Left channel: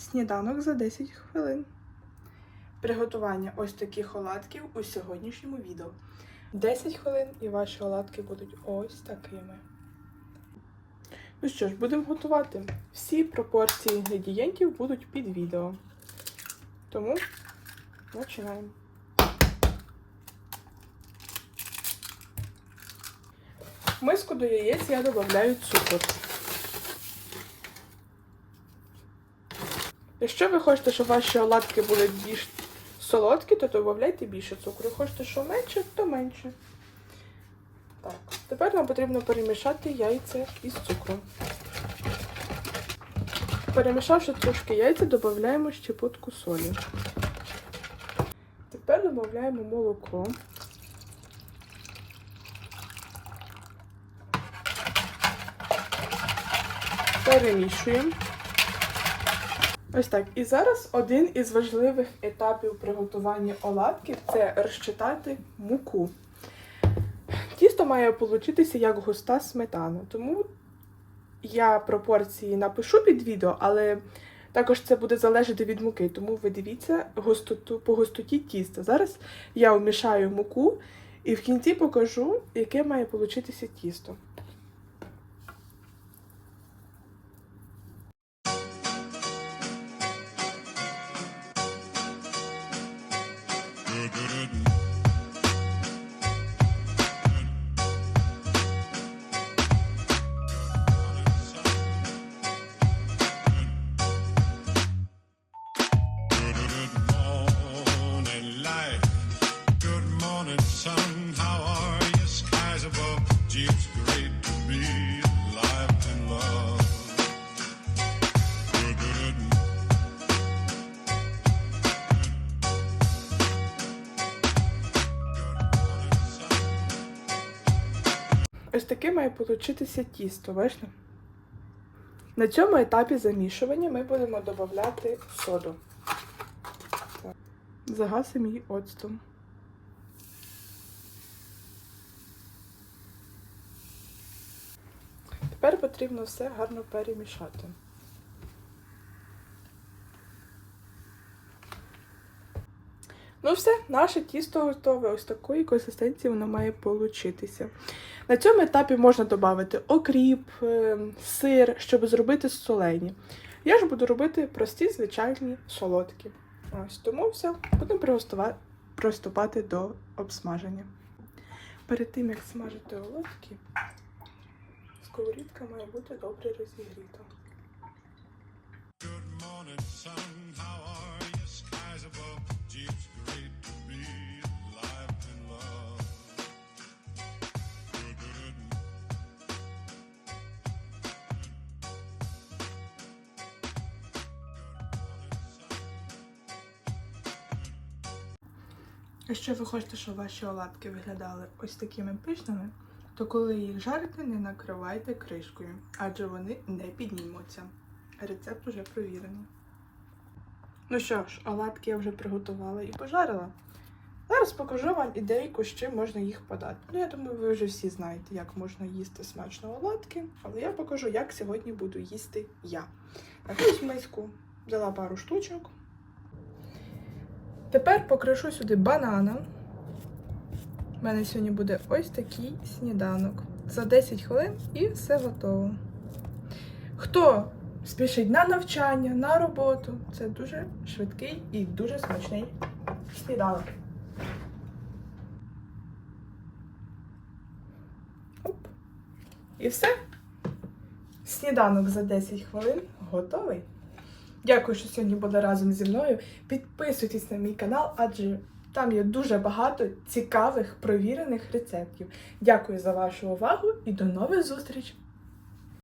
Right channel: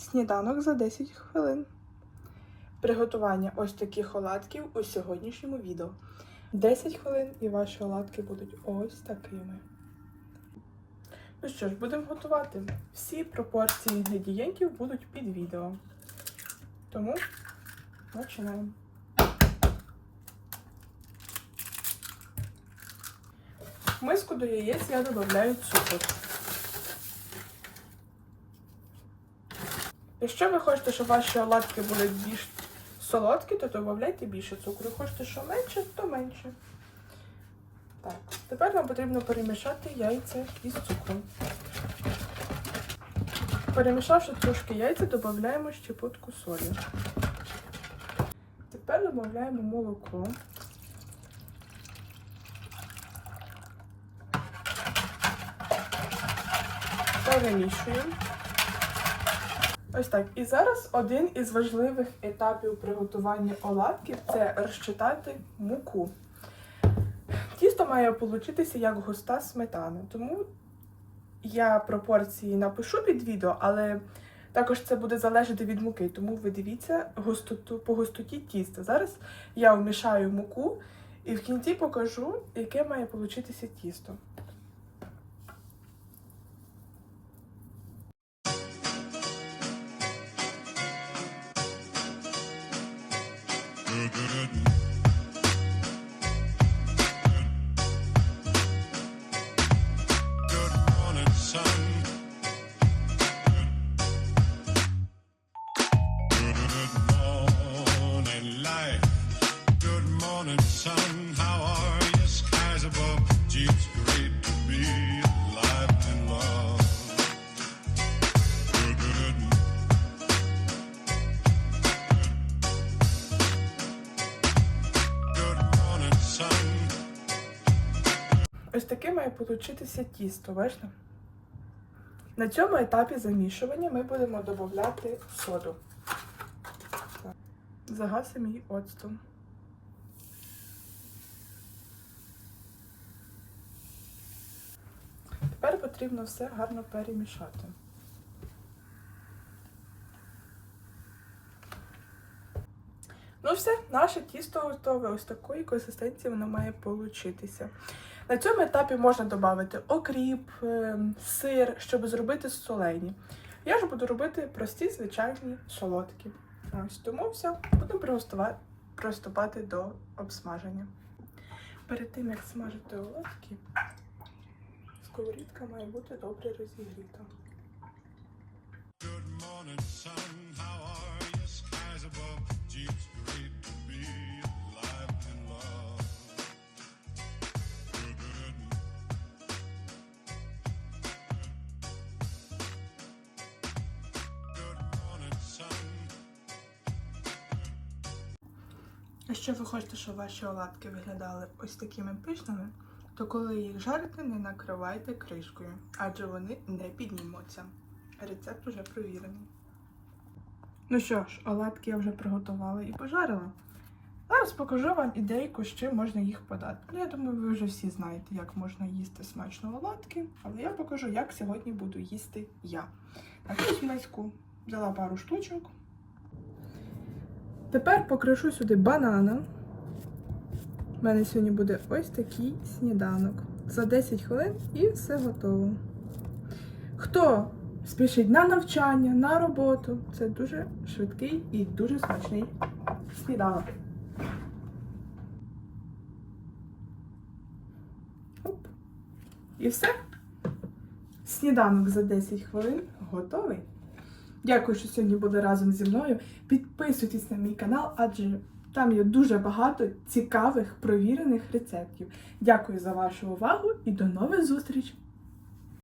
Сніданок за 10 хвилин. Приготування ось таких оладків у сьогоднішньому відео. 10 хвилин і ваші оладки будуть ось такими. Ну що ж, будемо готувати. Всі пропорції інгредієнтів будуть під відео. Тому починаємо. В миску до яєць я додаю цукор. Якщо ви хочете, щоб ваші оладки були більш солодкі, то додавайте більше цукру. Хочете, що менше, то менше. Так, тепер нам потрібно перемішати яйця із цукром. Перемішавши трошки яйця, додаємо щепотку солі. Тепер додаємо молоко. Перемішуємо. Ось так. І зараз один із важливих етапів приготування оладків це розчитати муку. Тісто має получитися як густа сметана, тому я пропорції напишу під відео, але також це буде залежати від муки, тому ви дивіться густоту, по густоті тіста. Зараз я вмішаю муку і в кінці покажу, яке має получитися тісто. da da da таке має получитися тісто, бачите? На цьому етапі замішування ми будемо додати соду. Загасимо її оцтом. Тепер потрібно все гарно перемішати. Ну все, наше тісто готове. Ось такої консистенції воно має получитися. На цьому етапі можна додати окріп, е, сир, щоб зробити солені. Я ж буду робити прості, звичайні солодкі. Ось тому все, будемо приступати до обсмаження. Перед тим, як смажити оладки, сковорідка має бути добре розігріта. Good morning, sun. How are you? Skies above. Якщо ви хочете, щоб ваші оладки виглядали ось такими пишними, то коли їх жарите, не накривайте кришкою, адже вони не піднімуться. Рецепт вже провірений. Ну що ж, оладки я вже приготувала і пожарила. Зараз покажу вам ідейку, з чим можна їх подати. Ну, я думаю, ви вже всі знаєте, як можна їсти смачно оладки, але я покажу, як сьогодні буду їсти я. Ось в миску взяла пару штучок. Тепер покришу сюди банана. У мене сьогодні буде ось такий сніданок. За 10 хвилин і все готово. Хто спішить на навчання, на роботу, це дуже швидкий і дуже смачний сніданок. Оп. І все. Сніданок за 10 хвилин готовий. Дякую, що сьогодні були разом зі мною. Підписуйтесь на мій канал, адже там є дуже багато цікавих провірених рецептів. Дякую за вашу увагу і до нових зустрічей!